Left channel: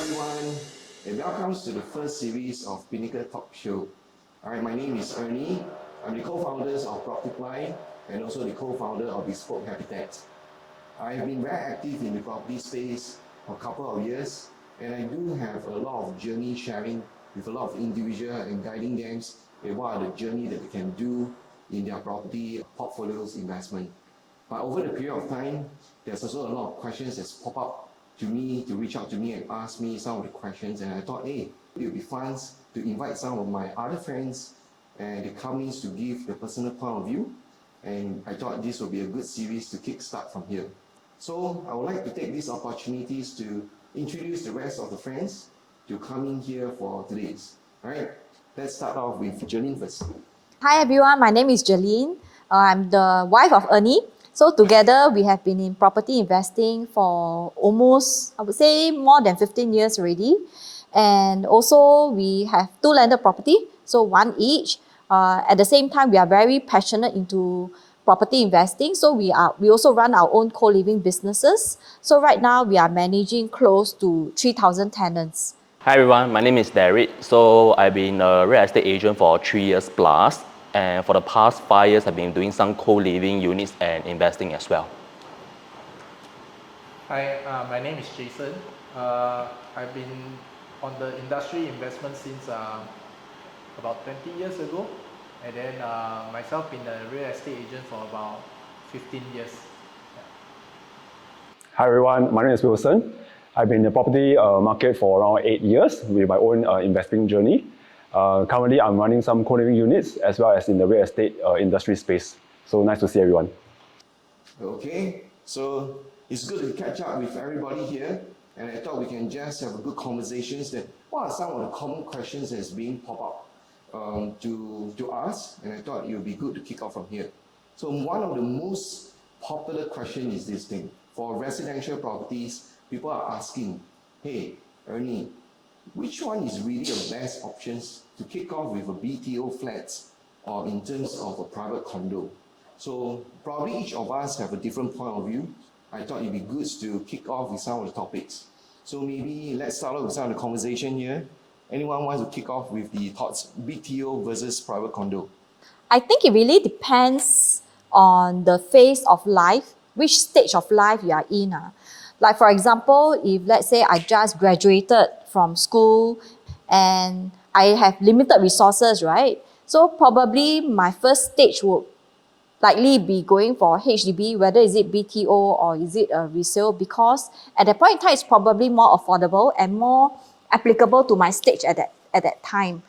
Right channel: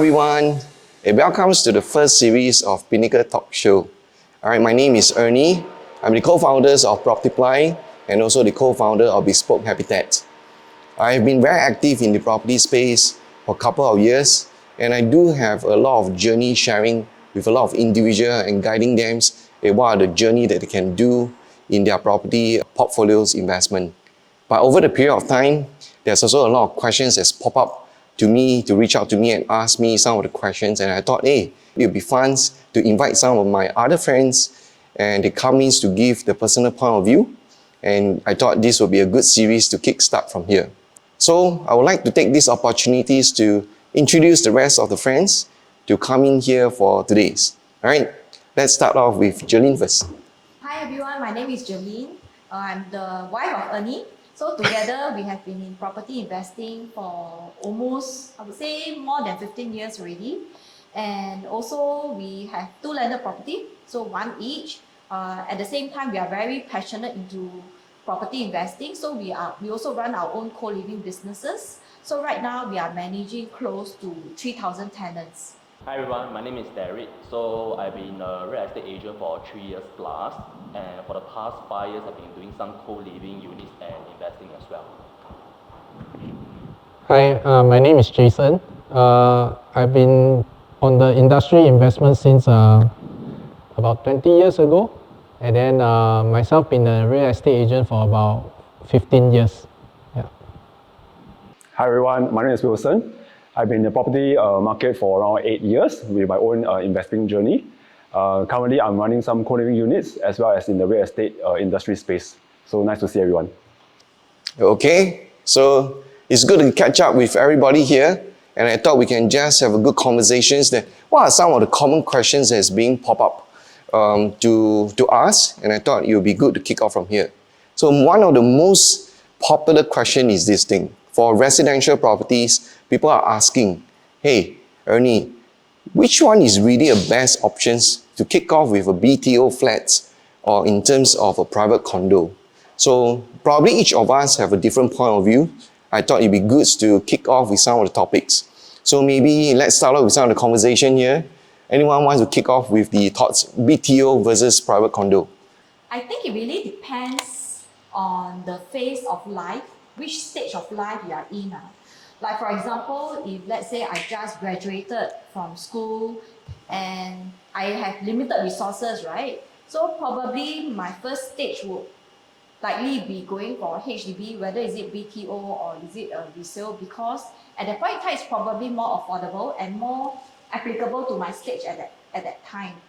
everyone. Welcome to the first series of Pinnacle Talk Show. All right, my name is Ernie. I'm the co-founders of Propertyply and also the co-founder of Bespoke Habitat. I've been very active in the property space for a couple of years, and I do have a lot of journey sharing with a lot of individuals and guiding them what are the journey that they can do in their property portfolios investment. But over the period of time, there's also a lot of questions that's pop up to me, to reach out to me and ask me some of the questions, and I thought, hey, it would be fun to invite some of my other friends and they come in to give the personal point of view, and I thought this would be a good series to kickstart from here. So I would like to take these opportunities to introduce the rest of the friends to come in here for today's. All right, let's start off with Jolene first. Hi everyone, my name is Jolene. I'm the wife of Ernie. So together we have been in property investing for almost, I would say, more than 15 years already. And also we have 2 landed property, so 1 each. At the same time, we are very passionate into property investing. So we also run our own co-living businesses. So right now we are managing close to 3,000 tenants. Hi everyone, my name is Derek. So I've been a real estate agent for 3 years plus. And for the past 5 years, I've been doing some co-living units and investing as well. Hi, my name is Jason. I've been on the industry investment since about 20 years ago. And then myself been a real estate agent for about 15 years. Yeah. Hi everyone, my name is Wilson. I've been in the property market for around 8 years with my own investing journey. Currently, I'm running some co-living units as well as in the real estate industry space. So nice to see everyone. Okay, so it's good to catch up with everybody here, and I thought we can just have a good conversations that what are some of the common questions that's being pop up to us, and I thought it would be good to kick off from here. So one of the most popular question is this thing. For residential properties, people are asking, hey, Ernie, which one is really the best options to kick off with a BTO flats or in terms of a private condo? So probably each of us have a different point of view. I thought it'd be good to kick off with some of the topics. So maybe let's start off with some of the conversation here. Anyone wants to kick off with the thoughts, BTO versus private condo? I think it really depends on the phase of life, which stage of life you are in. Like for example, if let's say I just graduated from school and I have limited resources, right? So probably my first stage would likely be going for HDB, whether is it BTO or is it a resale, because at that point in time it's probably more affordable and more applicable to my stage at that time.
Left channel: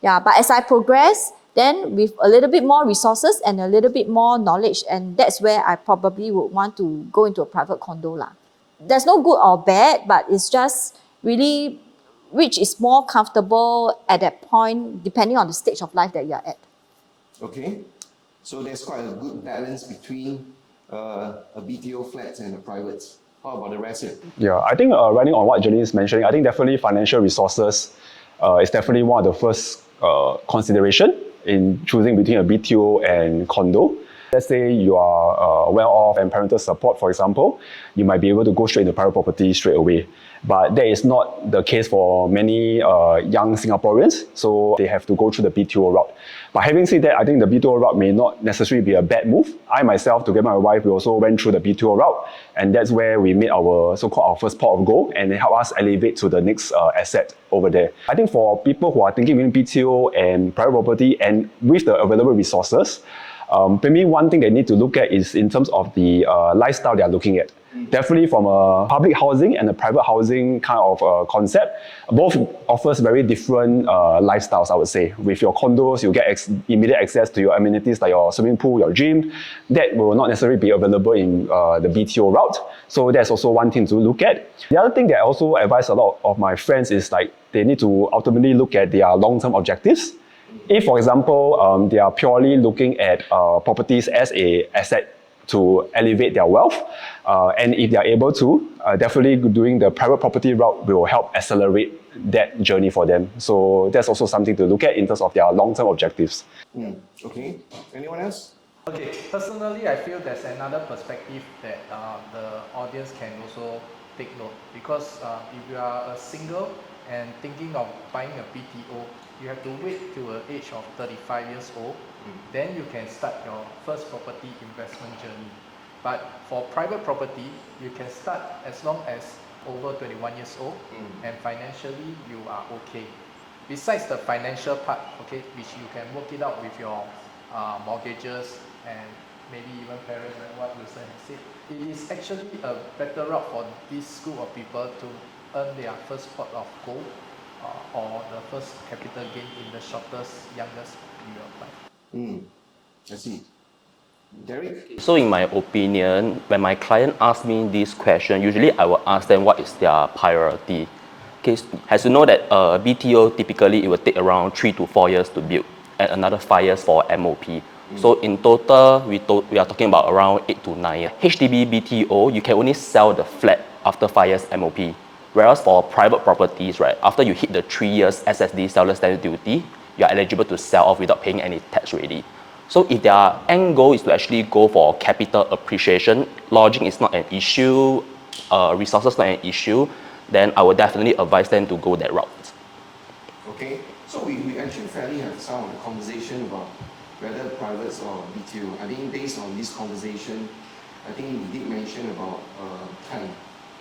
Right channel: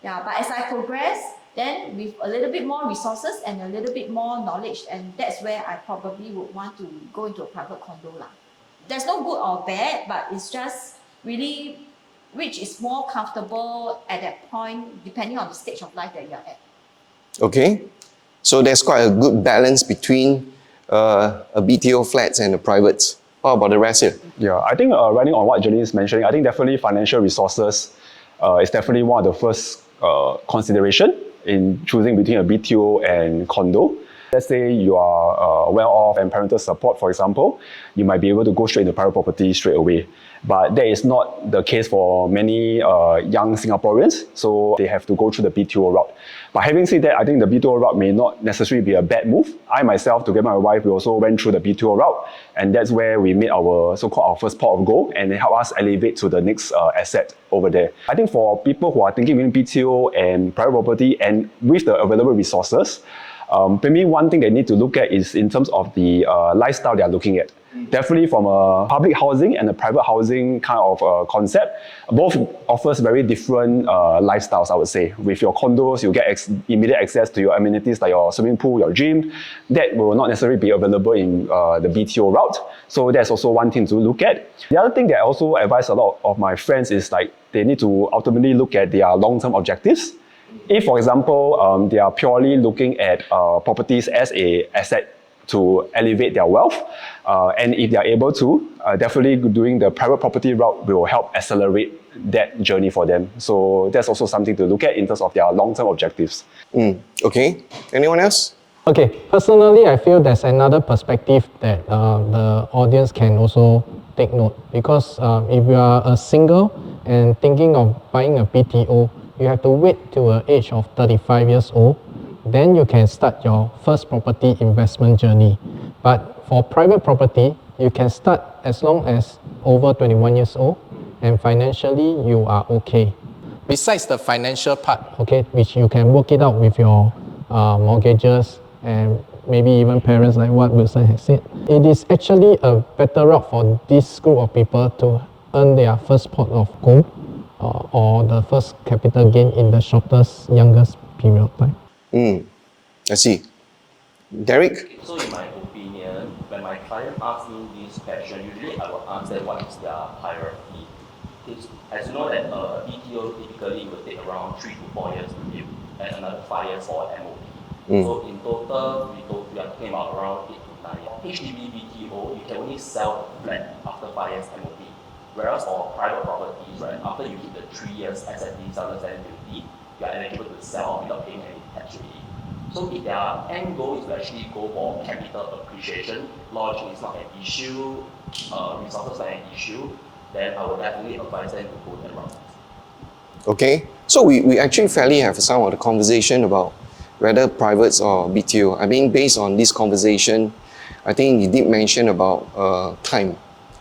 Yeah, but as I progress, then with a little bit more resources and a little bit more knowledge, and that's where I probably would want to go into a private condo lah. There's no good or bad, but it's just really which is more comfortable at that point, depending on the stage of life that you're at. Okay, so there's quite a good balance between a BTO flats and the privates. How about the rest here? Yeah, I think running on what Jolene is mentioning, I think definitely financial resources is definitely one of the first consideration in choosing between a BTO and condo. Let's say you are well off and parental support, for example, you might be able to go straight into private property straight away. But that is not the case for many young Singaporeans, so they have to go through the BTO route. But having said that, I think the BTO route may not necessarily be a bad move. I myself, together with my wife, we also went through the BTO route, and that's where we made our so-called our first pot of gold, and it helped us elevate to the next asset over there. I think for people who are thinking between BTO and private property and with the available resources, maybe one thing they need to look at is in terms of the lifestyle they are looking at. Definitely from a public housing and a private housing kind of concept, both offers very different lifestyles, I would say. With your condos, you get immediate access to your amenities like your swimming pool, your gym. That will not necessarily be available in the BTO route. So that's also one thing to look at. The other thing that I also advise a lot of my friends is like they need to ultimately look at their long-term objectives. If, for example, they are purely looking at properties as an asset to elevate their wealth, and if they are able to, definitely doing the private property route will help accelerate that journey for them. So that's also something to look at in terms of their long-term objectives. Okay, anyone else? Okay, personally, I feel there's another perspective that the audience can also take note, because if you are a single and thinking of buying a BTO, you have to wait till the age of 35 years old. Then you can start your first property investment journey. But for private property, you can start as long as over 21 years old, and financially you are okay. Besides the financial part, okay, which you can work it out with your mortgages and maybe even parents, like what Wilson has said, it is actually a better route for this group of people to earn their first pot of gold or the first capital gain in the shortest, youngest period of time. I see. Derek? So in my opinion, when my client asks me this question, usually I will ask them what is their priority. Okay, as you know that BTO typically it will take around 3 to 4 years to build and another 5 years for MOP. So in total, we are talking about around 8 to 9 years. HDB BTO, you can only sell the flat after 5 years MOP. Whereas for private properties, right, after you hit the 3 years SSD seller stamp duty, you are eligible to sell off without paying any tax already. So if their end goal is to actually go for capital appreciation, lodging is not an issue, resources not an issue, then I would definitely advise them to go that route. Okay, so we actually fairly have some of the conversation about whether privates or BTO. I mean, based on this conversation, I think you did mention about time.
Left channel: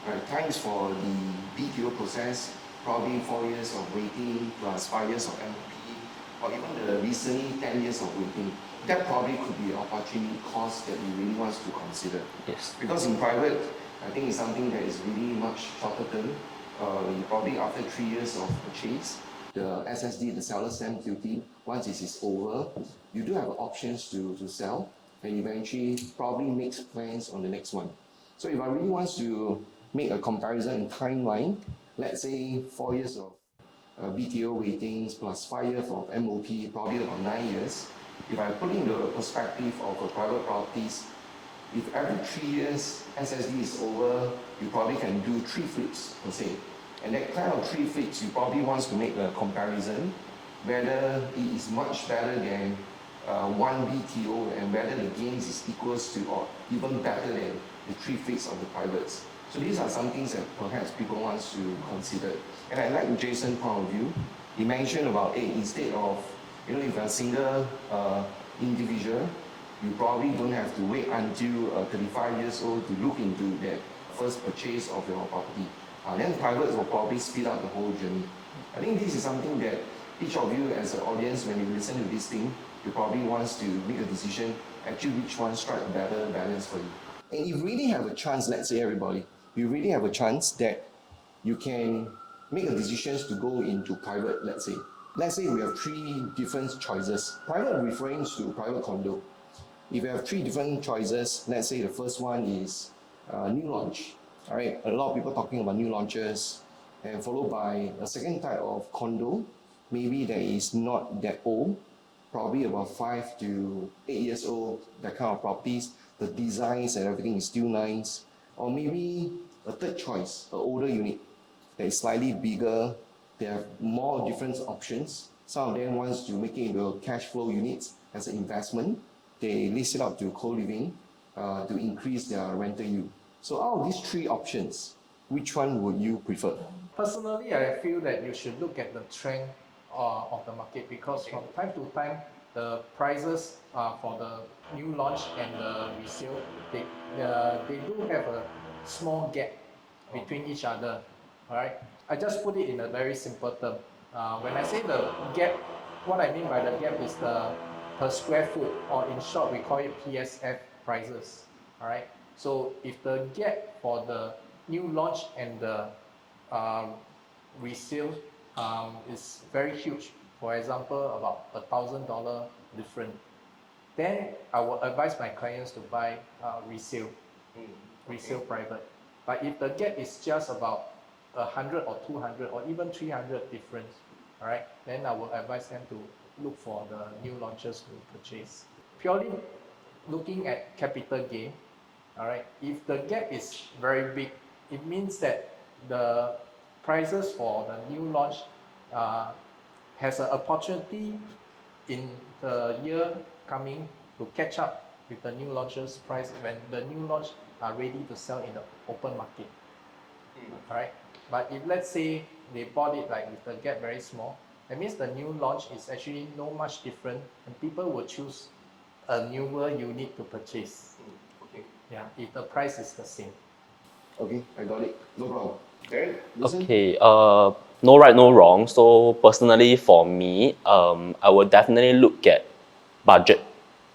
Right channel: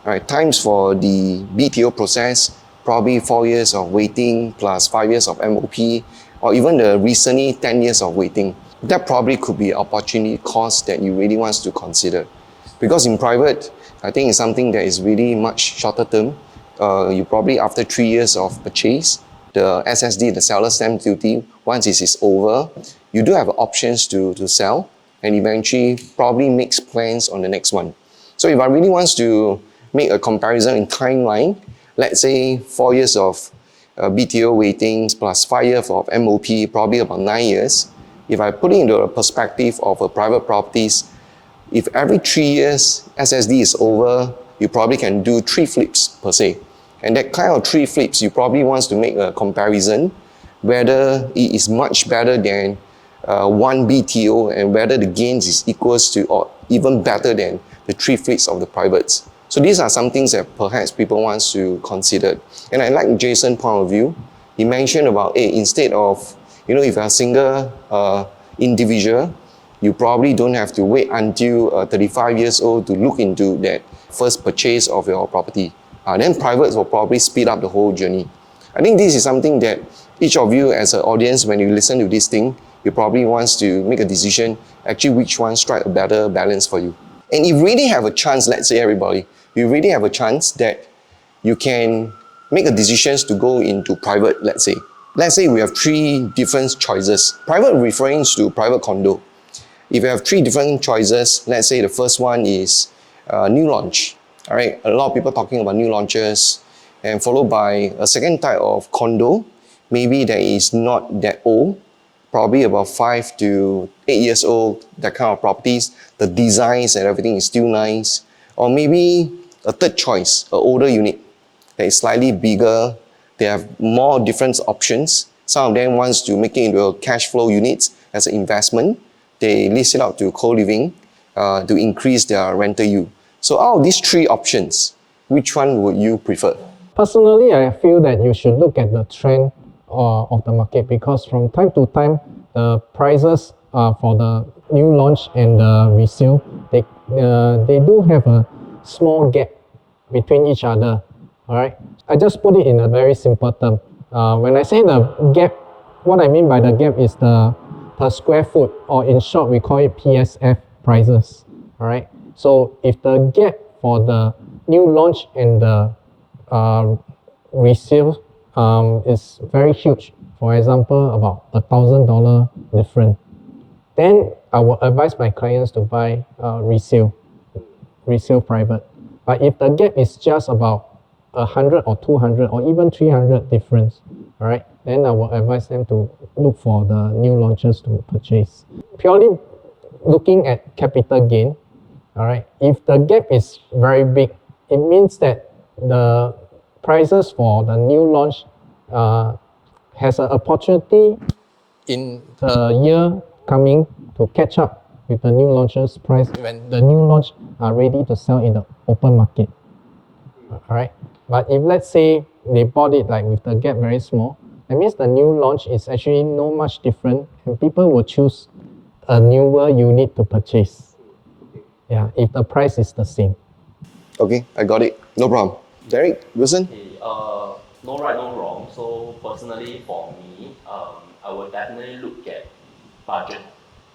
Right, times for the BTO process, probably 4 years of waiting plus 5 years of MOP, or even the recently 10 years of waiting. That probably could be opportunity cost that you really want to consider. Yes. Because in private, I think it's something that is really much shorter term. You probably after 3 years of purchase, the SSD, the seller stamp duty, once it is over, you do have options to sell and eventually probably makes plans on the next one. So if I really want to make a comparison in timeline, let's say 4 years of BTO waitings plus 5 years of MOP, probably about 9 years. If I put it into a perspective of a private properties, if every 3 years SSD is over, you probably can do 3 flips per se. And that kind of 3 flips, you probably want to make a comparison whether it is much better than one BTO and whether the gains is equals to or even better than the 3 flips of the privates. So these are some things that perhaps people want to consider. And I like Jason's point of view. He mentioned about, hey, instead of, if you're a single individual, you probably don't have to wait until 35 years old to look into that first purchase of your property. Then privates will probably speed up the whole journey. I think this is something that each of you as an audience, when you listen to this thing, you probably wants to make a decision, actually which one strike a better balance for you. And if you really have a chance, let's say everybody, you really have a chance that you can make a decision to go into private, let's say. Let's say we have 3 different choices. Private referring to private condo. If you have 3 different choices, let's say the first one is new launch. All right, a lot of people talking about new launches, and followed by a second type of condo, maybe that is not that old, probably about 5 to 8 years old, that kind of properties. The designs and everything is still nice. Or maybe a third choice, an older unit that is slightly bigger. They have more different options. Some of them wants to make it into a cash flow units as an investment. They lease it out to co-living to increase their rental yield. So out of these 3 options, which one would you prefer? Personally, I feel that you should look at the trend of the market, because from time to time, the prices for the new launch and the resale, they do have a small gap between each other. All right. I just put it in a very simple term. When I say the gap, what I mean by the gap is the per square foot, or in short, we call it PSF prices. All right. So if the gap for the new launch and the resale is very huge, for example, about $1,000 difference, then I will advise my clients to buy resale private. But if the gap is just about 100 or 200 or even 300 difference, all right, then I will advise them to look for the new launches to purchase. Purely looking at capital gain, all right, if the gap is very big, it means that the prices for the new launch has an opportunity in the year coming to catch up with the new launches price when the new launch are ready to sell in the open market. Alright. But if let's say they bought it like with the gap very small, that means the new launch is actually no much different, and people will choose a newer unit to purchase. Yeah, if the price is the same. Okay, I got it. No problem. Derek, Wilson? Okay, no right, no wrong. So personally for me, I would definitely look at budget,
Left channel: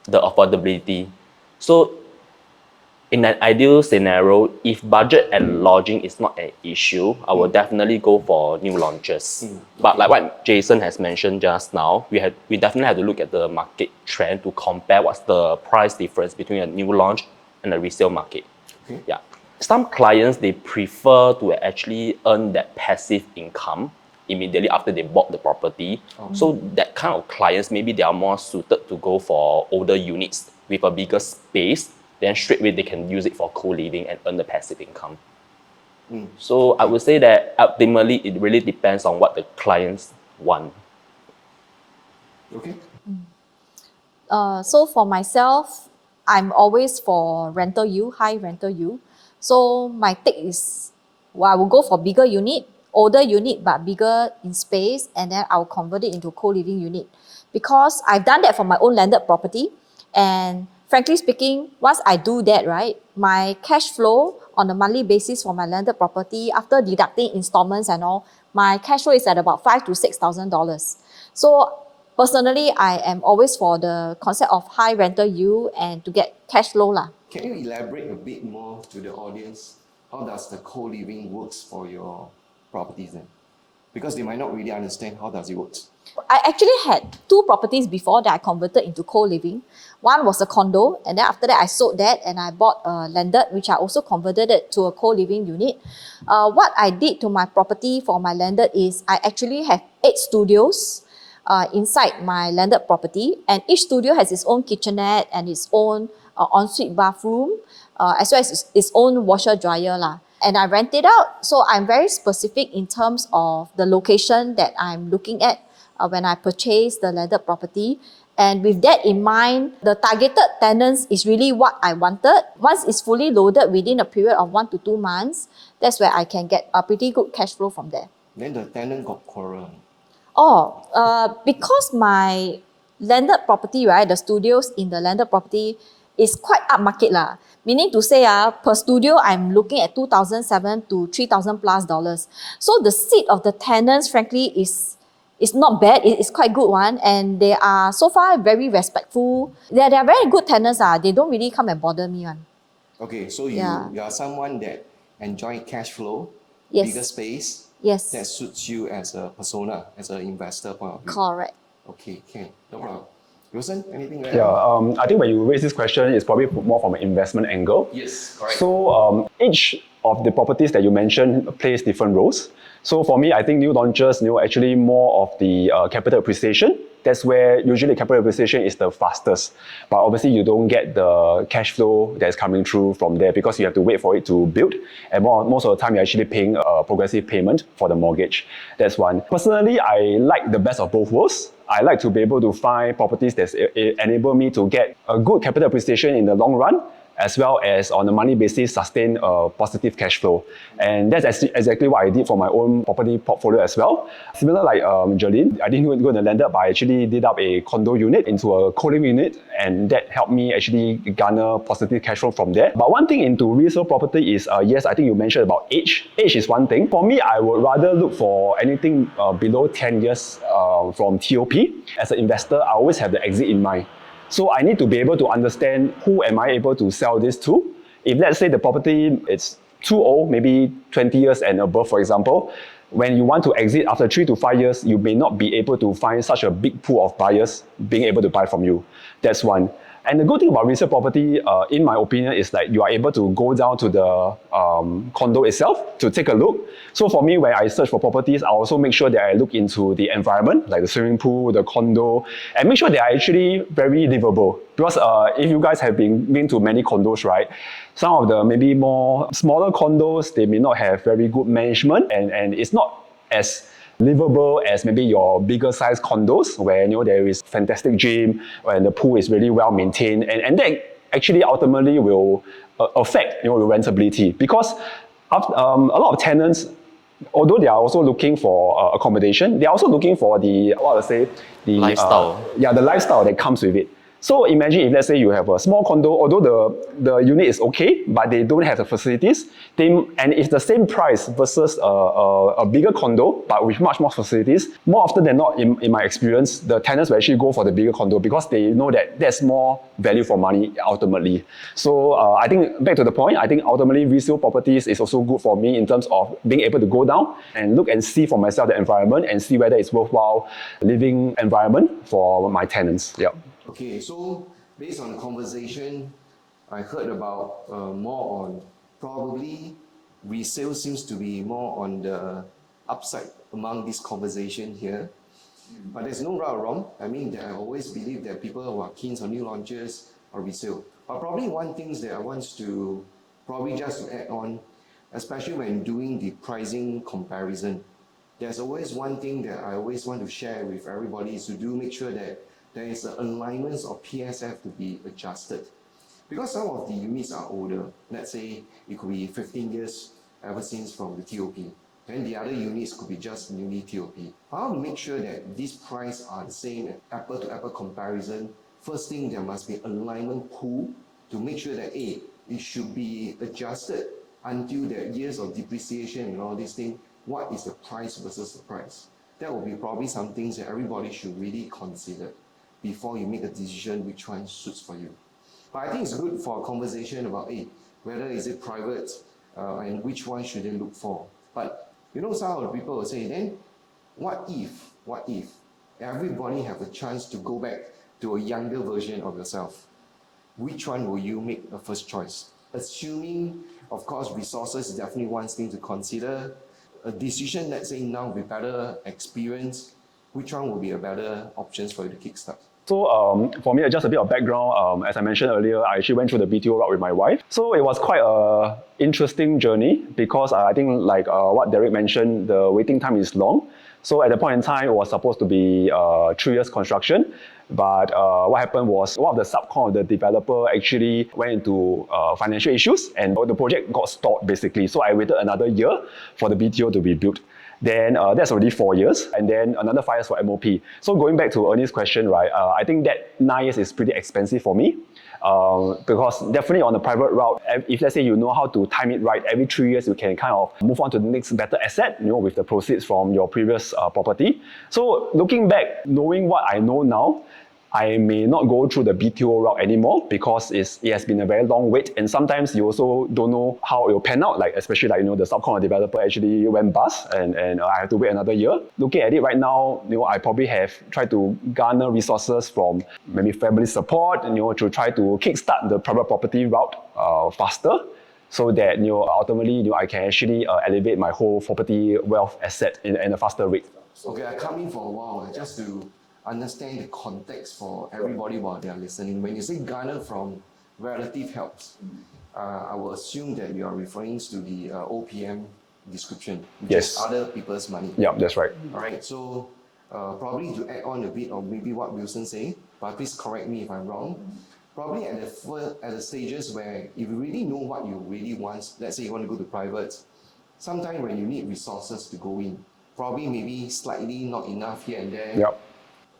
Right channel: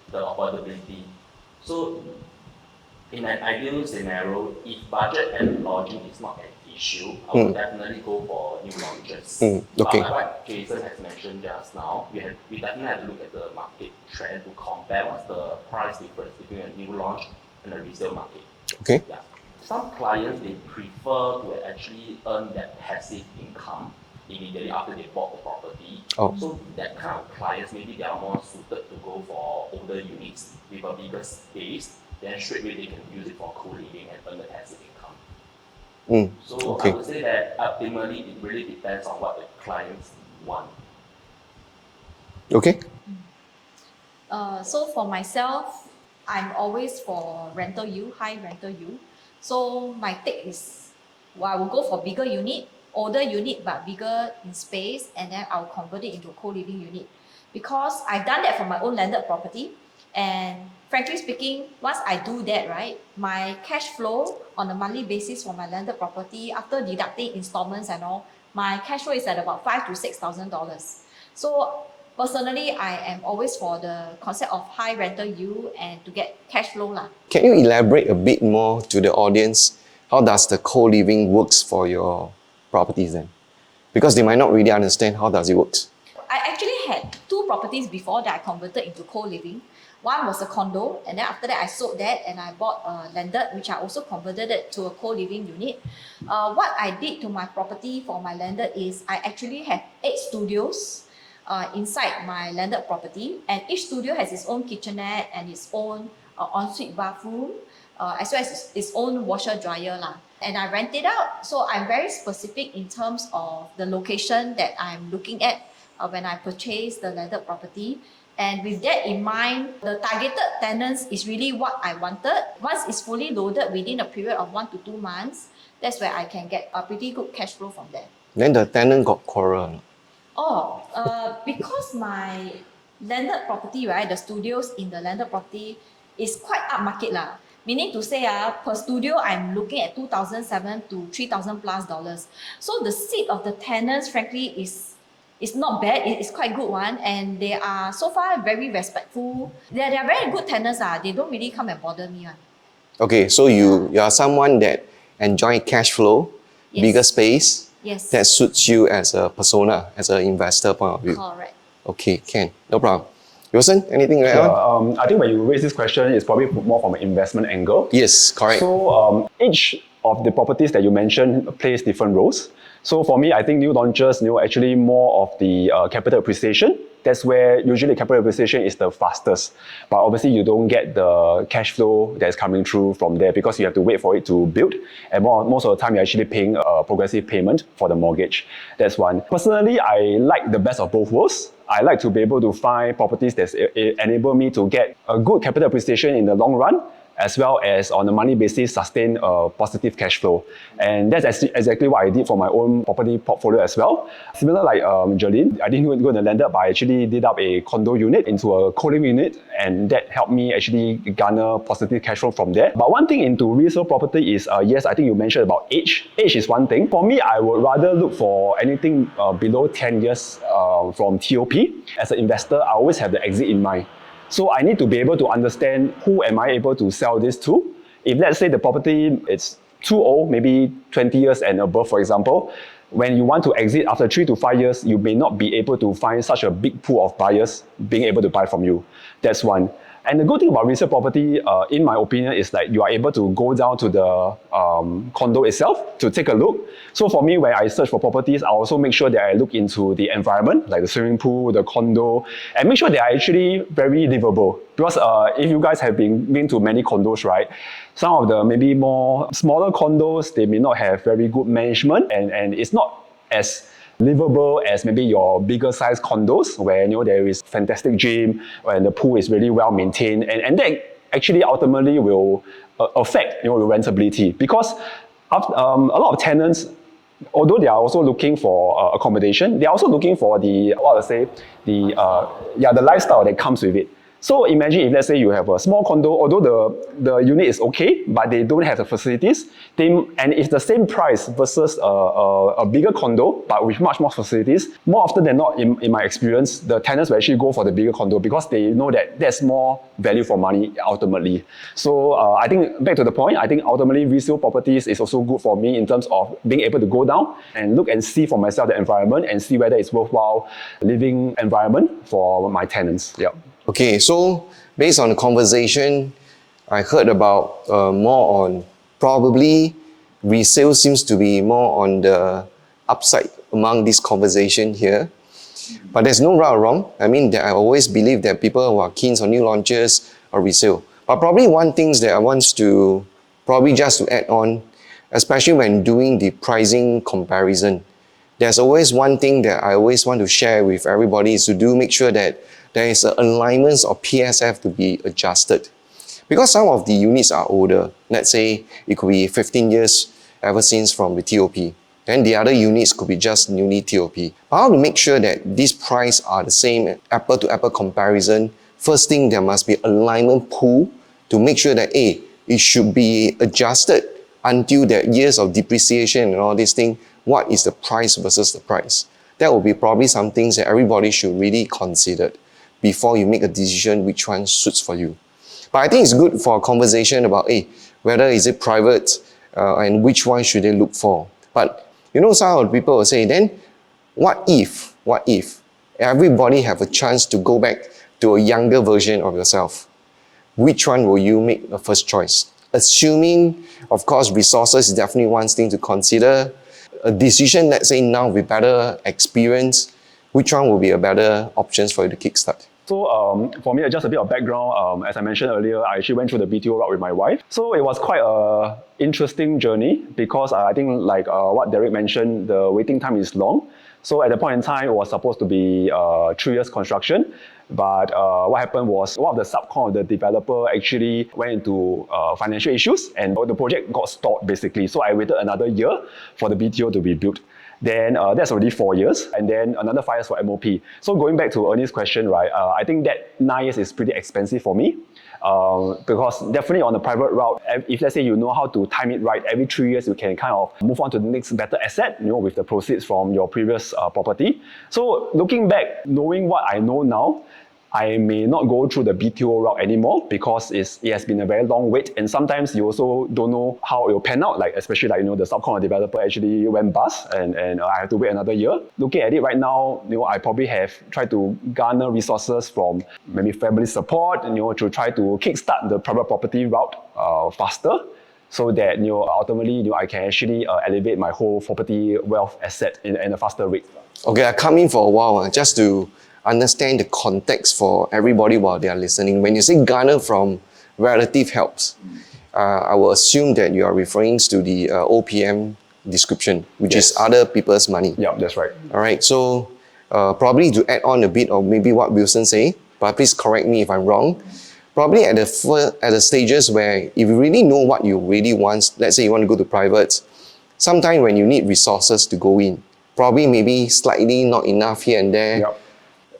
the affordability. So in an ideal scenario, if budget and lodging is not an issue, I would definitely go for new launches. But okay. like what Jason has mentioned just now, we definitely have to look at the market trend to compare what's the price difference between a new launch and a resale market. Okay. Yeah. Some clients, they prefer to actually earn that passive income immediately after they bought the property. So that kind of clients, maybe they are more suited to go for older units with a bigger space. Then straight away they can use it for co-living and earn the passive income. So I would say that ultimately it really depends on what the clients want. Okay. So for myself, I'm always for rental yield, high rental yield. So my take is, well, I will go for bigger unit, older unit but bigger in space, and then I'll convert it into co-living unit. Because I've done that for my own landed property, and frankly speaking, once I do that, right, my cash flow on a monthly basis for my landed property, after deducting installments and all, my cash flow is at about $5,000 to $6,000. So personally, I am always for the concept of high rental yield and to get cash flow lah. Can you elaborate a bit more to the audience? How does the co-living works for your properties then? Because they might not really understand how does it work. I actually had 2 properties before that I converted into co-living. One was a condo, and then after that I sold that and I bought a landed, which I also converted it to a co-living unit. What I did to my property for my landed is I actually have 8 studios inside my landed property, and each studio has its own kitchenette and its own ensuite bathroom, as well as its own washer dryer lah. And I rent it out, so I'm very specific in terms of the location that I'm looking at when I purchase the landed property. And with that in mind, the targeted tenants is really what I wanted. Once it's fully loaded within a period of 1 to 2 months, that's where I can get a pretty good cash flow from there. Then the tenant got quarrel. Because my landed property, right, the studios in the landed property is quite upmarket lah. Meaning to say, per studio, I'm looking at $2,700 to $3,000 plus dollars. So the seat of the tenants, frankly, is not bad. It's quite good one, and they are so far very respectful. They are very good tenants. They don't really come and bother me one. Okay, so you are someone that enjoy cash flow, Yes. bigger space. Yes. That suits you as a persona, as an investor point of view. Correct. Okay, can. No problem. Wilson, anything like Yeah, that? I think when you raise this question, it's probably more from an investment angle. Yes, correct. So each of the properties that you mentioned plays different roles. So for me, I think new launches, actually more of the capital appreciation. That's where usually capital appreciation is the fastest. But obviously you don't get the cash flow that's coming through from there because you have to wait for it to build. And most of the time you're actually paying a progressive payment for the mortgage. That's one. Personally, I like the best of both worlds. I like to be able to find properties that enable me to get a good capital appreciation in the long run, as well as on a monthly basis sustain a positive cash flow. And that's exactly what I did for my own property portfolio as well. Similar like Jolene, I didn't go in the landed, but I actually did up a condo unit into a co-living unit, and that helped me actually garner positive cash flow from there. But one thing into resale property is, yes, I think you mentioned about age. Age is one thing. For me, I would rather look for anything below 10 years from TOP. As an investor, I always have the exit in mind. So I need to be able to understand who am I able to sell this to. If let's say the property is too old, maybe 20 years and above, for example, when you want to exit after 3 to 5 years, you may not be able to find such a big pool of buyers being able to buy from you. That's one. And the good thing about resale property, in my opinion, is that you are able to go down to the condo itself to take a look. So for me, when I search for properties, I also make sure that I look into the environment, like the swimming pool, the condo, and make sure they are actually very livable. Because if you guys have been to many condos, right, some of the maybe more smaller condos, they may not have very good management, and it's not as livable as maybe your bigger size condos where there is fantastic gym and the pool is really well maintained, and that actually ultimately will affect your rentability, because A lot of tenants, although they are also looking for accommodation, they are also looking for the Lifestyle. the lifestyle that comes with it. So imagine if let's say you have a small condo, although the unit is okay, but they don't have the facilities, and it's the same price versus a bigger condo, but with much more facilities, more often than not, in my experience, the tenants will actually go for the bigger condo because they know that there's more value for money ultimately. So I think, back to the point, I think ultimately resale properties is also good for me in terms of being able to go down and look and see for myself the environment and see whether it's worthwhile living environment for my tenants. Yeah. Okay, so based on the conversation, I heard about more on probably resale seems to be more on the upside among this conversation here. But there's no right or wrong. I mean, I always believe that people who are keen on new launches or resale. But probably one thing that I want to probably just to add on, especially when doing the pricing comparison, there's always one thing that I always want to share with everybody is to make sure that there is an alignment of PSF to be adjusted. Because some of the units are older, let's say it could be 15 years ever since from the TOP, then the other units could be just newly TOP. But how to make sure that these prices are the same, apple-to-apple comparison? First thing, there must be alignment pool to make sure that it should be adjusted until the years of depreciation and all these things. What is the price versus the price? That will be probably some things that everybody should really consider before you make a decision which one suits for you. But I think it's good for a conversation about whether is it private and which one should they look for. But some of the people will say, then what if everybody have a chance to go back to a younger version of yourself? Which one will you make the first choice? Assuming, of course, resources is definitely one thing to consider. A decision, let's say now with better experience, which one will be a better options for you to kickstart? So for me, just a bit of background. As I mentioned earlier, I actually went through the BTO route with my wife. So it was quite an interesting journey because I think like what Derek mentioned, the waiting time is long. So at the point in time, it was supposed to be 3 years construction. But what happened was one of the subcon of the developer actually went into financial issues and the project got stalled basically. So I waited another year for the BTO to be built. Then that's already 4 years, and then another 5 years for MOP. So going back to Ernie's question, right, I think that 9 years is pretty expensive for me. Because definitely on the private route, if let's say you know how to time it right, every 3 years you can kind of move on to the next better asset, with the proceeds from your previous property. So looking back, knowing what I know now, I may not go through the BTO route anymore because it has been a very long wait, and sometimes you also don't know how it will pan out, like especially like the subcon developer actually went bust and I have to wait another year. Looking at it right now, I probably have tried to garner resources from maybe family support, to try to kickstart the private property route faster, so that ultimately I can actually elevate my whole property wealth asset in a faster rate. Okay, I come in for a while just to understand the context for everybody while they are listening. When you say garner from relative helps, I will assume that you are referring to the OPM description, which is other people's money. Yeah, that's right. All right, so probably to add on a bit of maybe what Wilson say, but please correct me if I'm wrong. Probably at the stages where if you really know what you really want, let's say you want to go to private, sometimes when you need resources to go in, probably maybe slightly not enough here and there. Yep.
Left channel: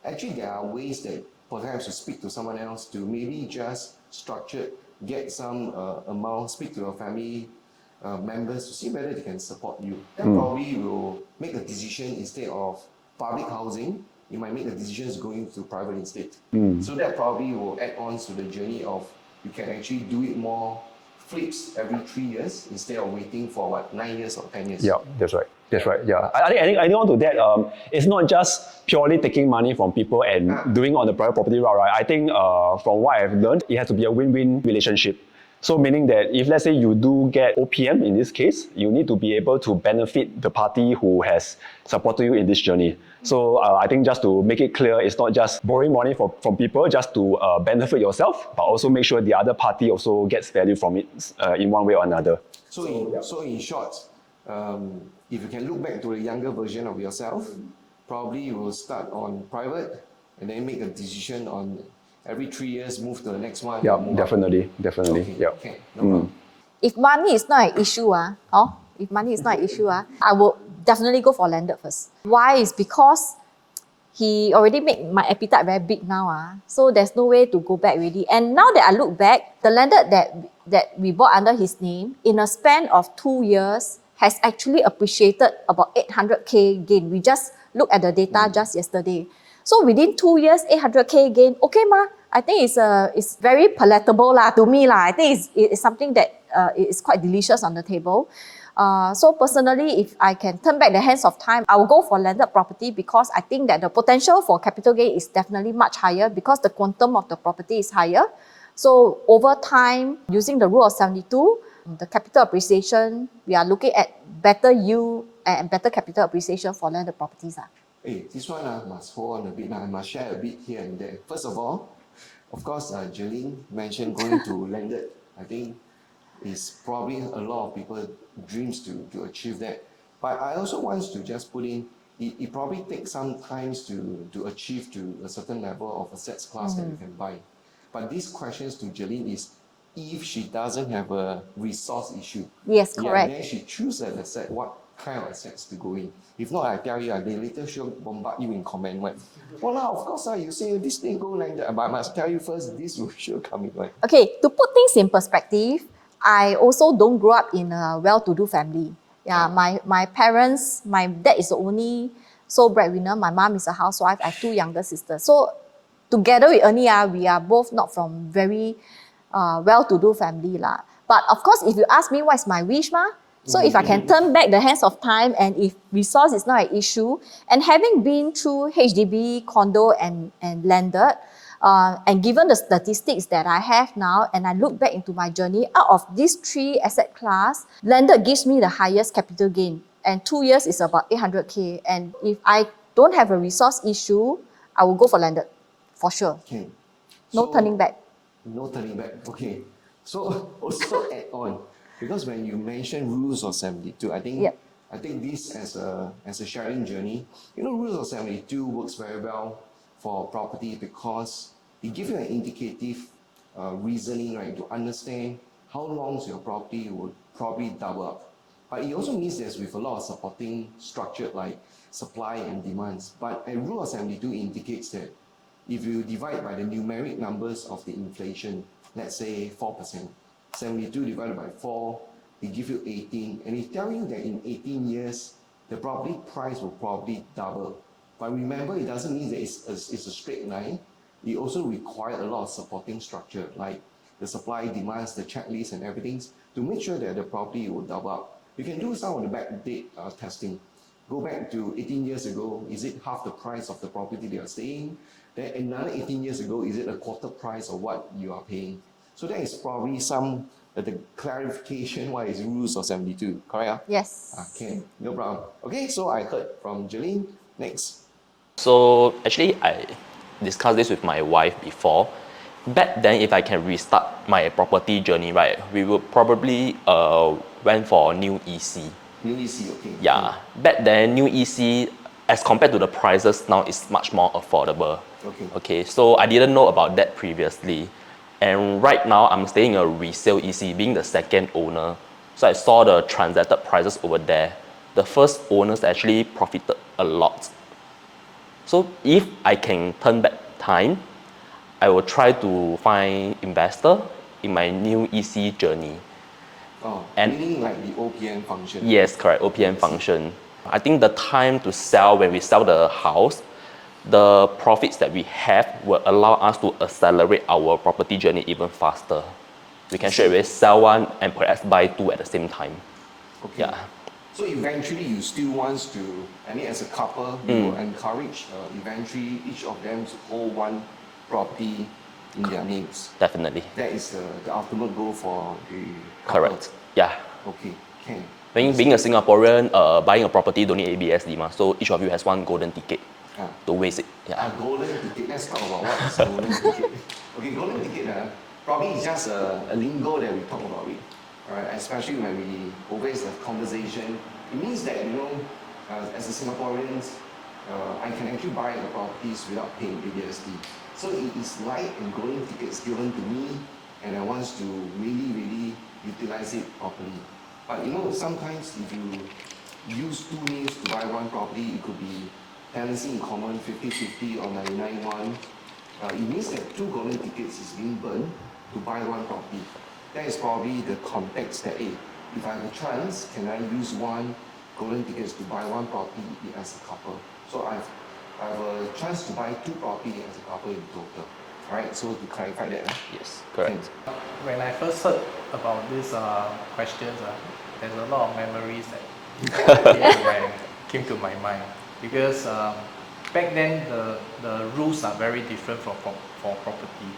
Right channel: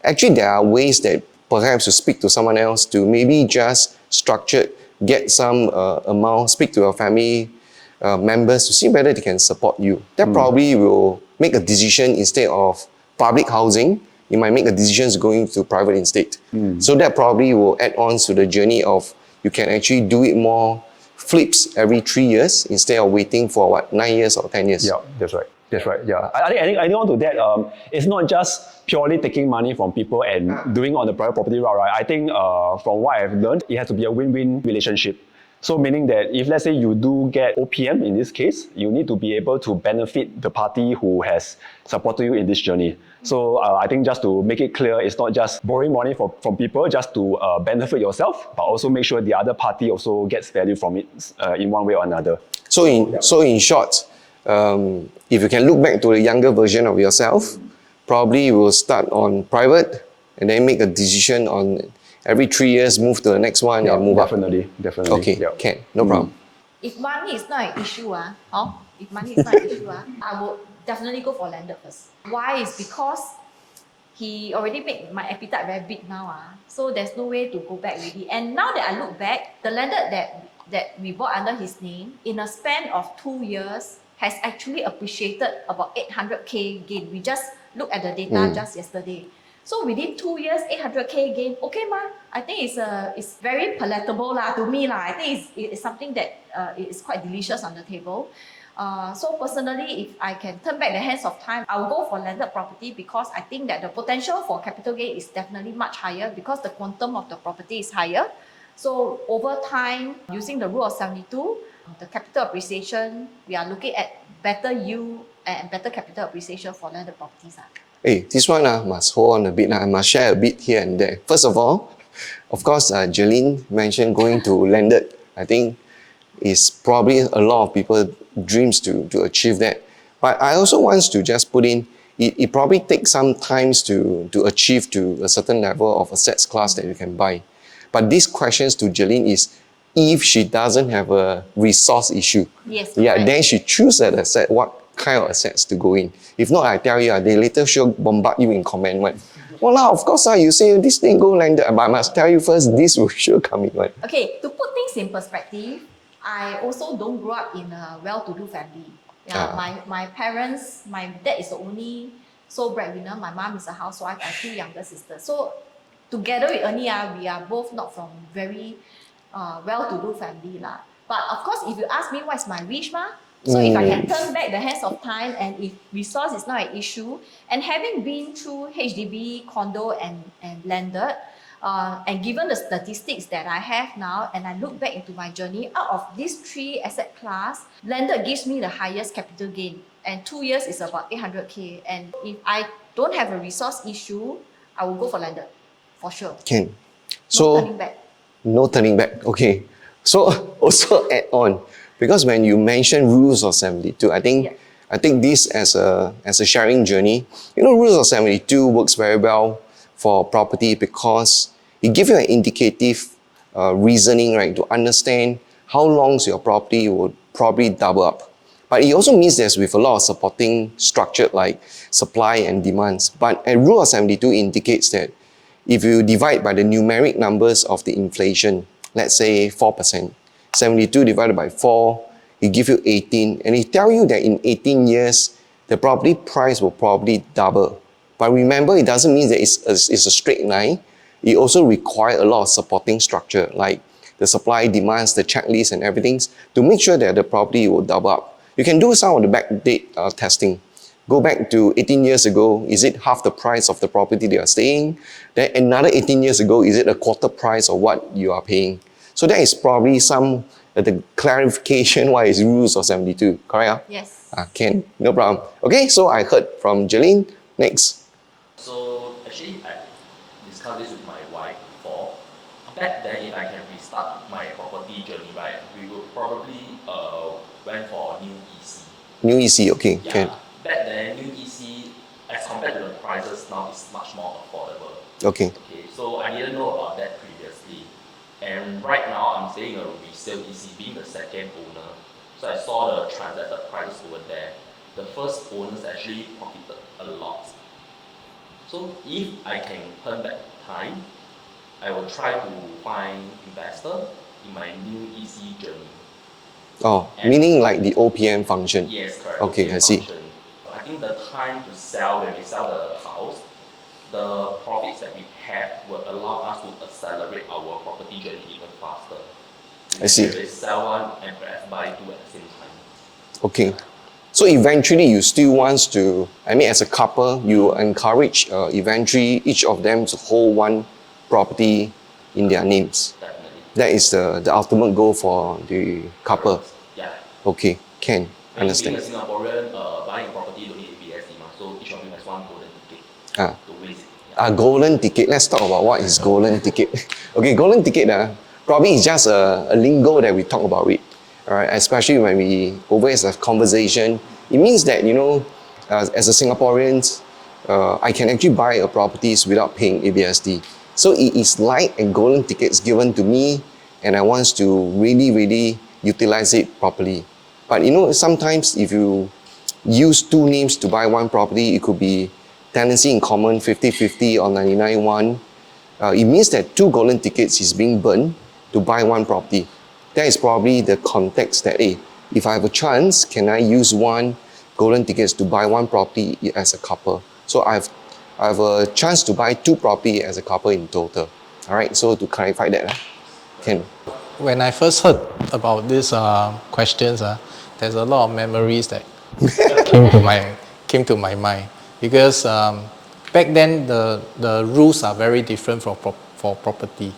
Actually, there are ways that perhaps to speak to someone else to maybe just structure, get some amount, speak to your family members to see whether they can support you. That probably will make a decision instead of public housing. You might make a decision going to private instead. So that probably will add on to the journey of you can actually do it more flips every 3 years instead of waiting for 9 years or 10 years. Yeah, that's right. That's right. Yeah, I think on to that. It's not just purely taking money from people and doing on the private property route, right? I think from what I've learned, it has to be a win-win relationship. So meaning that if let's say you do get OPM in this case, you need to be able to benefit the party who has supported you in this journey. So I think just to make it clear, it's not just borrowing money from people just to benefit yourself, but also make sure the other party also gets value from it in one way or another. So in short, if you can look back to the younger version of yourself, probably you will start on private and then make a decision on every 3 years, move to the next one. Yeah, and move definitely. up. Okay, Yeah. okay, no problem. if money is not an issue, if money is not an issue, I will definitely go for landed first. Why? Is because he already made my appetite very big now. So there's no way to go back really. And now that I look back, the landed that we bought under his name, in a span of 2 years, has actually appreciated about 800K gain. We just looked at the data just yesterday. So within 2 years, 800K gain, okay ma, I think it's very palatable to me. I think it's something that is quite delicious on the table. So personally, if I can turn back the hands of time, I will go for landed property because I think that the potential for capital gain is definitely much higher because the quantum of the property is higher. So over time, using the rule of 72, the capital appreciation, we are looking at better yield and better capital appreciation for landed properties. Hey, this one must hold on a bit. I must share a bit here and there. First of all, of course, Jolene mentioned going to landed. I think is probably a lot of people's dreams to achieve that. But I also want to just put in, it probably takes some time to achieve to a certain level of assets class that you can buy. But these questions to Jolene is, if she doesn't have a resource issue, yes, then she choose that asset, what kind of assets to go in. If not, I tell you, they later sure bombard you in comment. Well, of course, you say this thing go landed, but I must tell you first, this will sure come in. Okay, to put things in perspective, I also don't grow up in a well-to-do family. My parents, my dad is the only sole breadwinner. My mom is a housewife. I have 2 younger sisters. So together with Ernie, we are both not from very well-to-do family. But of course, if you ask me what's my wish, so if I can turn back the hands of time and if resource is not an issue, and having been through HDB, condo and landed, and given the statistics that I have now, and I look back into my journey, out of these 3 asset class, landed gives me the highest capital gain. And 2 years is about 800K. And if I don't have a resource issue, I will go for landed, for sure. Can. No turning back. No turning back, okay. So also add on, because when you mention rules of 72, I think this as a sharing journey, rules of 72 works very well for property because it gives you an indicative reasoning, right, to understand how long your property will probably double up. But it also means there's with a lot of supporting structure like supply and demands. But a rule of 72 indicates that if you divide by the numeric numbers of the inflation, let's say 4%, 72 divided by 4, it gives you 18. And it tells you that in 18 years, the property price will probably double. But remember, it doesn't mean that it's a straight line. It also requires a lot of supporting structure, like the supply, demands, the checklist and everything, to make sure that the property will double up. You can do some of the backdate testing. Go back to 18 years ago, is it half the price of the property they are staying? Then another 18 years ago, is it a quarter price of what you are paying? So that is probably some the clarification why it's rules of 72, correct? Yes. Can, no problem. Okay, so I heard from Jolene. Next. So actually, I discussed this with my wife before. Back then, if I can restart my property journey, right, we would probably went for new EC. New EC, okay. Yeah. Can. Back then, new EC, as compared to the prices now, is much more affordable. Okay. Okay, so I didn't know about that previously. And right now, I'm staying in a resale EC, being the second owner. So I saw the transacted prices over there. The first owners actually profited a lot. So if I can turn back time, I will try to find investor in my new EC journey. Oh, And meaning like the OPM function. Yes, correct. Okay, OPM I see. function. I think the time to sell, when we sell the house, the profits that we have will allow us to accelerate our property journey even faster. We can see. straight sell one and perhaps buy 2 at the same time. Okay. So eventually you still want to, as a couple, you encourage eventually each of them to hold one property in their names. Definitely. That is the ultimate goal for the couple. Correct. Yeah. Okay, can. Being a Understand. Singaporean, buying a property don't need ABSD, so each of you has one golden ticket to waste it. Yeah. Golden ticket. Let's talk about what is golden ticket. Okay, golden ticket probably is just a lingo that we talk about it. All right, especially when we always have conversation. It means that, as a Singaporean, I can actually buy a properties without paying ABSD. So it is like a golden tickets given to me, and I want to really, really utilize it properly. But sometimes if you use two names to buy one property, it could be tenancy in common 50-50 or 99-1. It means that two golden tickets is being burned to buy one property. That is probably the context that, hey, if I have a chance, can I use one golden tickets to buy one property as a couple? So I have a chance to buy two property as a couple in total. All right, so to clarify that. Yes, correct. Can, When I first heard about these questions, there's a lot of memories that came to my mind because back then the rules are very different for property.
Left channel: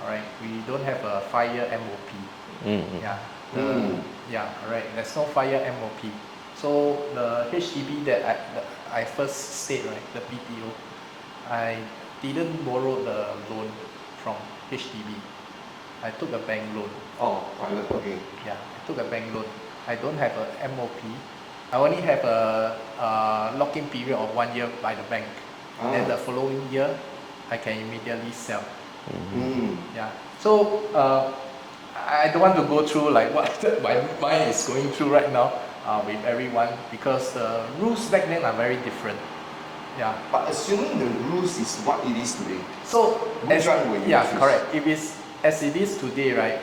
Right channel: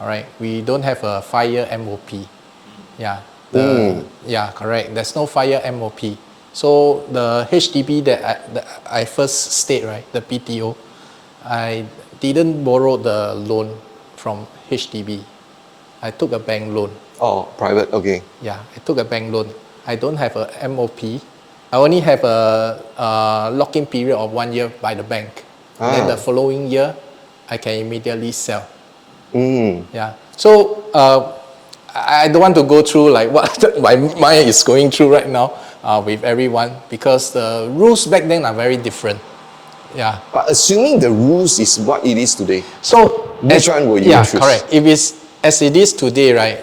All right, we don't have a 5-year MOP. Yeah, yeah, correct. There's no 5-year MOP. So the HDB that I first stayed, right, the PTO, I didn't borrow the loan from HDB. I took a bank loan. oh, private, okay. Yeah, I took a bank loan. I don't have a MOP. I only have a lock-in period of 1 year by the bank. Then the following year, I can immediately sell. Yeah. So I don't want to go through like what my mind is going through right now with everyone because the rules back then are very different. Yeah. But assuming the rules is what it is today, So which one will you yeah, choose? correct. If it's as it is today, right?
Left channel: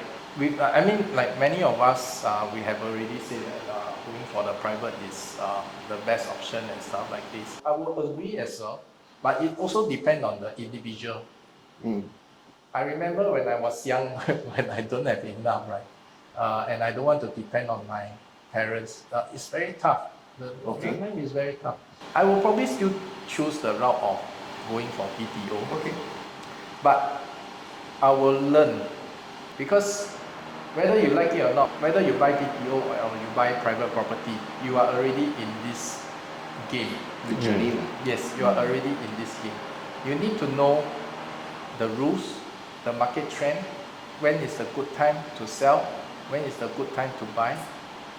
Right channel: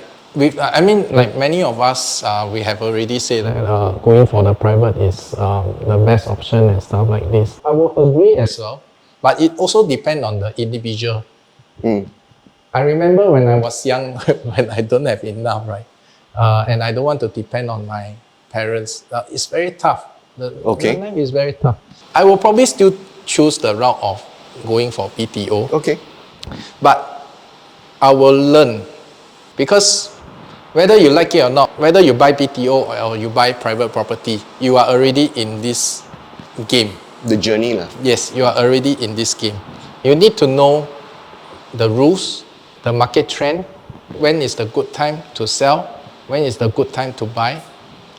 I mean, like many of us, we have already said that going for the private is the best option and stuff like this. I will agree as well, but it also depends on the individual. I remember when I was young, when I don't have enough, right? And I don't want to depend on my parents. It's very tough. The life is very tough. I will probably still choose the route of going for PTO. Okay. But I will learn because whether you like it or not, whether you buy PTO or you buy private property, you are already in this game. The journey lah. Yes, you are already in this game. You need to know the rules, the market trend, when is the good time to sell, when is the good time to buy,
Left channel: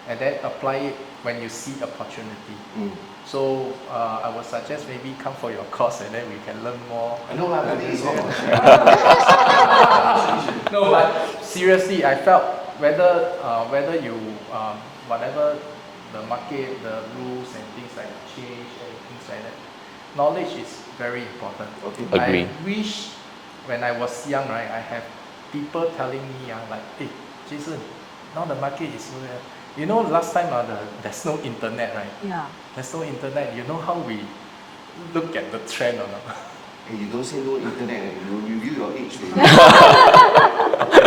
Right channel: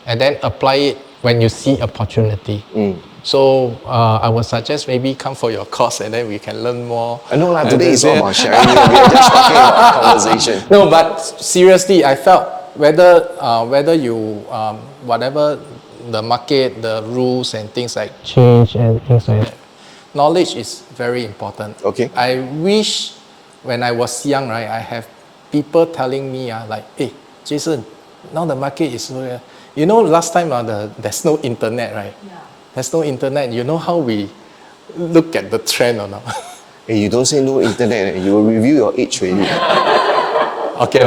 and then apply it when you see opportunity. So I would suggest maybe come for your course and then we can learn more. I know today is all about sharing. We are just talking about conversation. No, but seriously, I felt whether you whatever the market, the rules and things like change and things like that, knowledge is very important. Okay. I wish when I was young, right, I have people telling me like, hey, Jason, now the market is low. You know, last time there's no internet, right? Yeah. There's no internet. You know how we look at the trend or not? Hey, you don't say no internet, you will reveal your age already. Okay,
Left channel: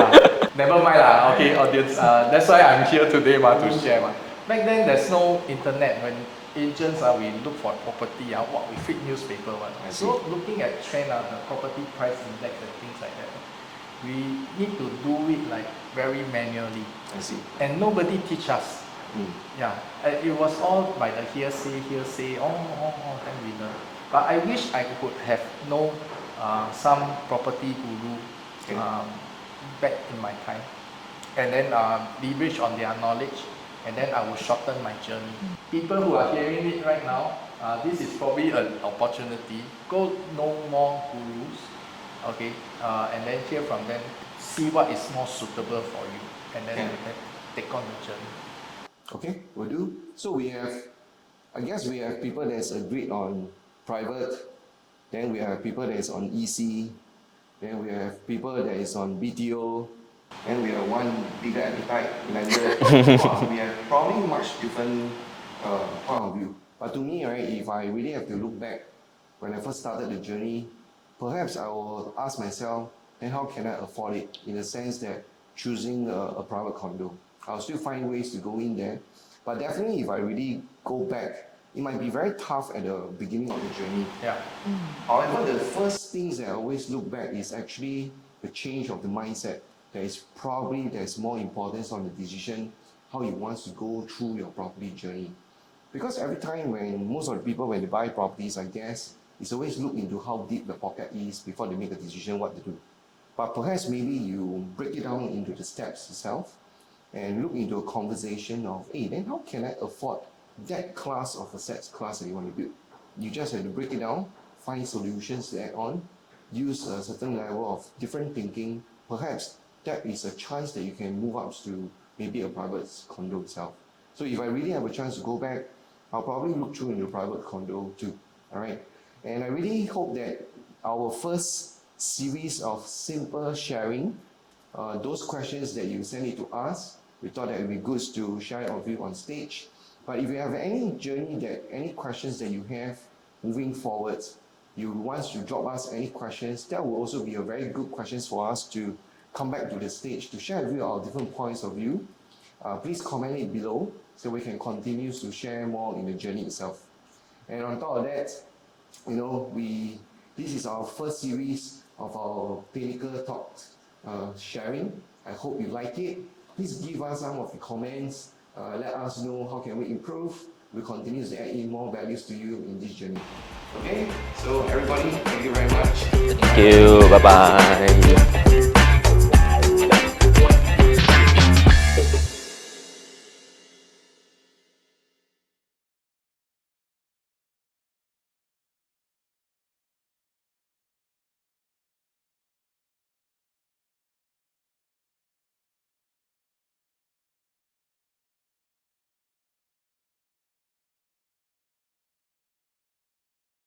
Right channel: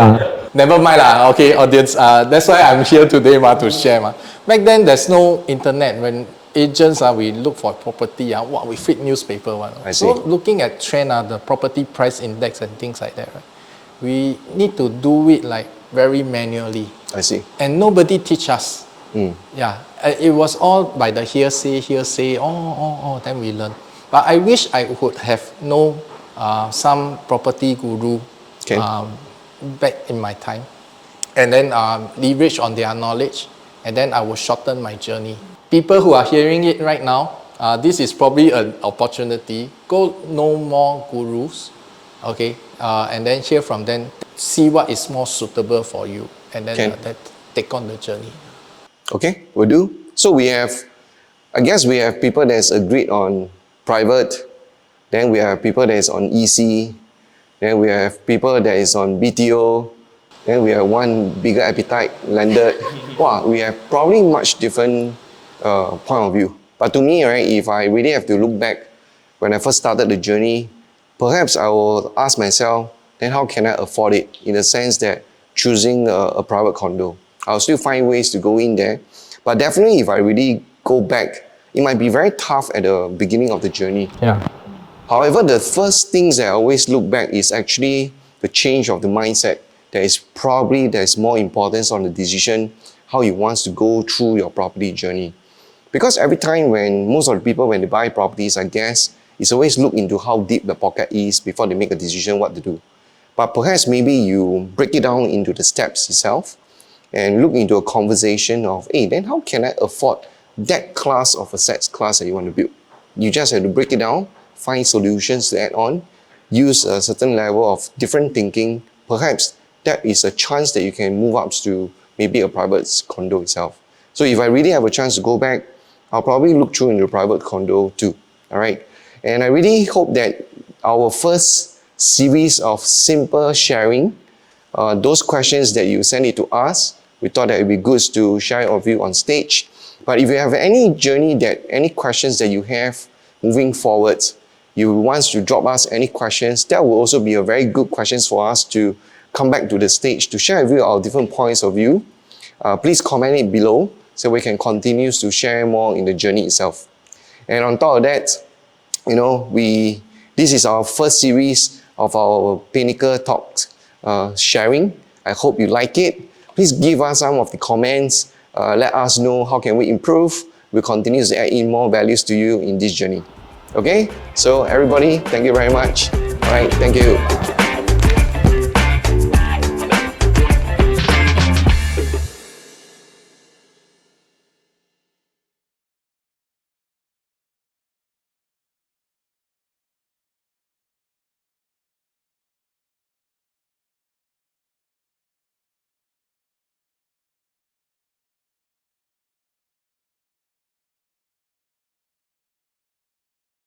never mind lah. Okay, audience. That's why I'm here today to share. Back then, there's no internet. When agents we look for property. We feed newspaper. I see. So looking at trend, the property price index and things like that. Right? We need to do it like very manually. I see. And nobody teach us. Yeah, it was all by the hearsay. Then we learn. But I wish I would have known some property guru back in my time, and then leverage on their knowledge, and then I will shorten my journey. People who are hearing it right now, this is probably an opportunity. Go know more gurus, okay, and then hear from them, see what is more suitable for you, and then take on the journey. Okay, will do. So I guess we have people that's agreed on private, then we have people that is on EC, then we have people that is on BTO, then we have one bigger appetite, landed. Wow, we have probably much different point of view. But to me, right, if I really have to look back, when I first started the journey, perhaps I will ask myself, then how can I afford it? In the sense that choosing a private condo. I'll still find ways to go in there. But definitely if I really go back, it might be very tough at the beginning of the journey. Yeah. However, the first things that I always look back is actually the change of the mindset. There's more importance on the decision, how you want to go through your property journey. Because every time most of the people, when they buy properties, I guess, it's always look into how deep the pocket is before they make a decision what to do. But perhaps maybe you break it down into the steps itself and look into a conversation of, hey, then how can I afford that class of assets class that you want to build? You just have to break it down, find solutions to add on, use a certain level of different thinking. Perhaps that is a chance that you can move up to maybe a private condo itself. So if I really have a chance to go back, I'll probably look through into private condo too, all right? And I really hope that our first series of simple sharing, those questions that you send it to us, we thought that it would be good to share it with you on stage. But if you have any any questions that you have moving forward, you want to drop us any questions, that will also be a very good questions for us to come back to the stage to share with you our different points of view. Please comment it below so we can continue to share more in the journey itself. And on top of that, you know, this is our first series of our Pinnacle Talks sharing. I hope you like it. Please give us some of the comments. Let us know how can we improve. We'll continue to add in more values to you in this journey. Okay? So everybody, thank you very much. Thank you. Bye-bye.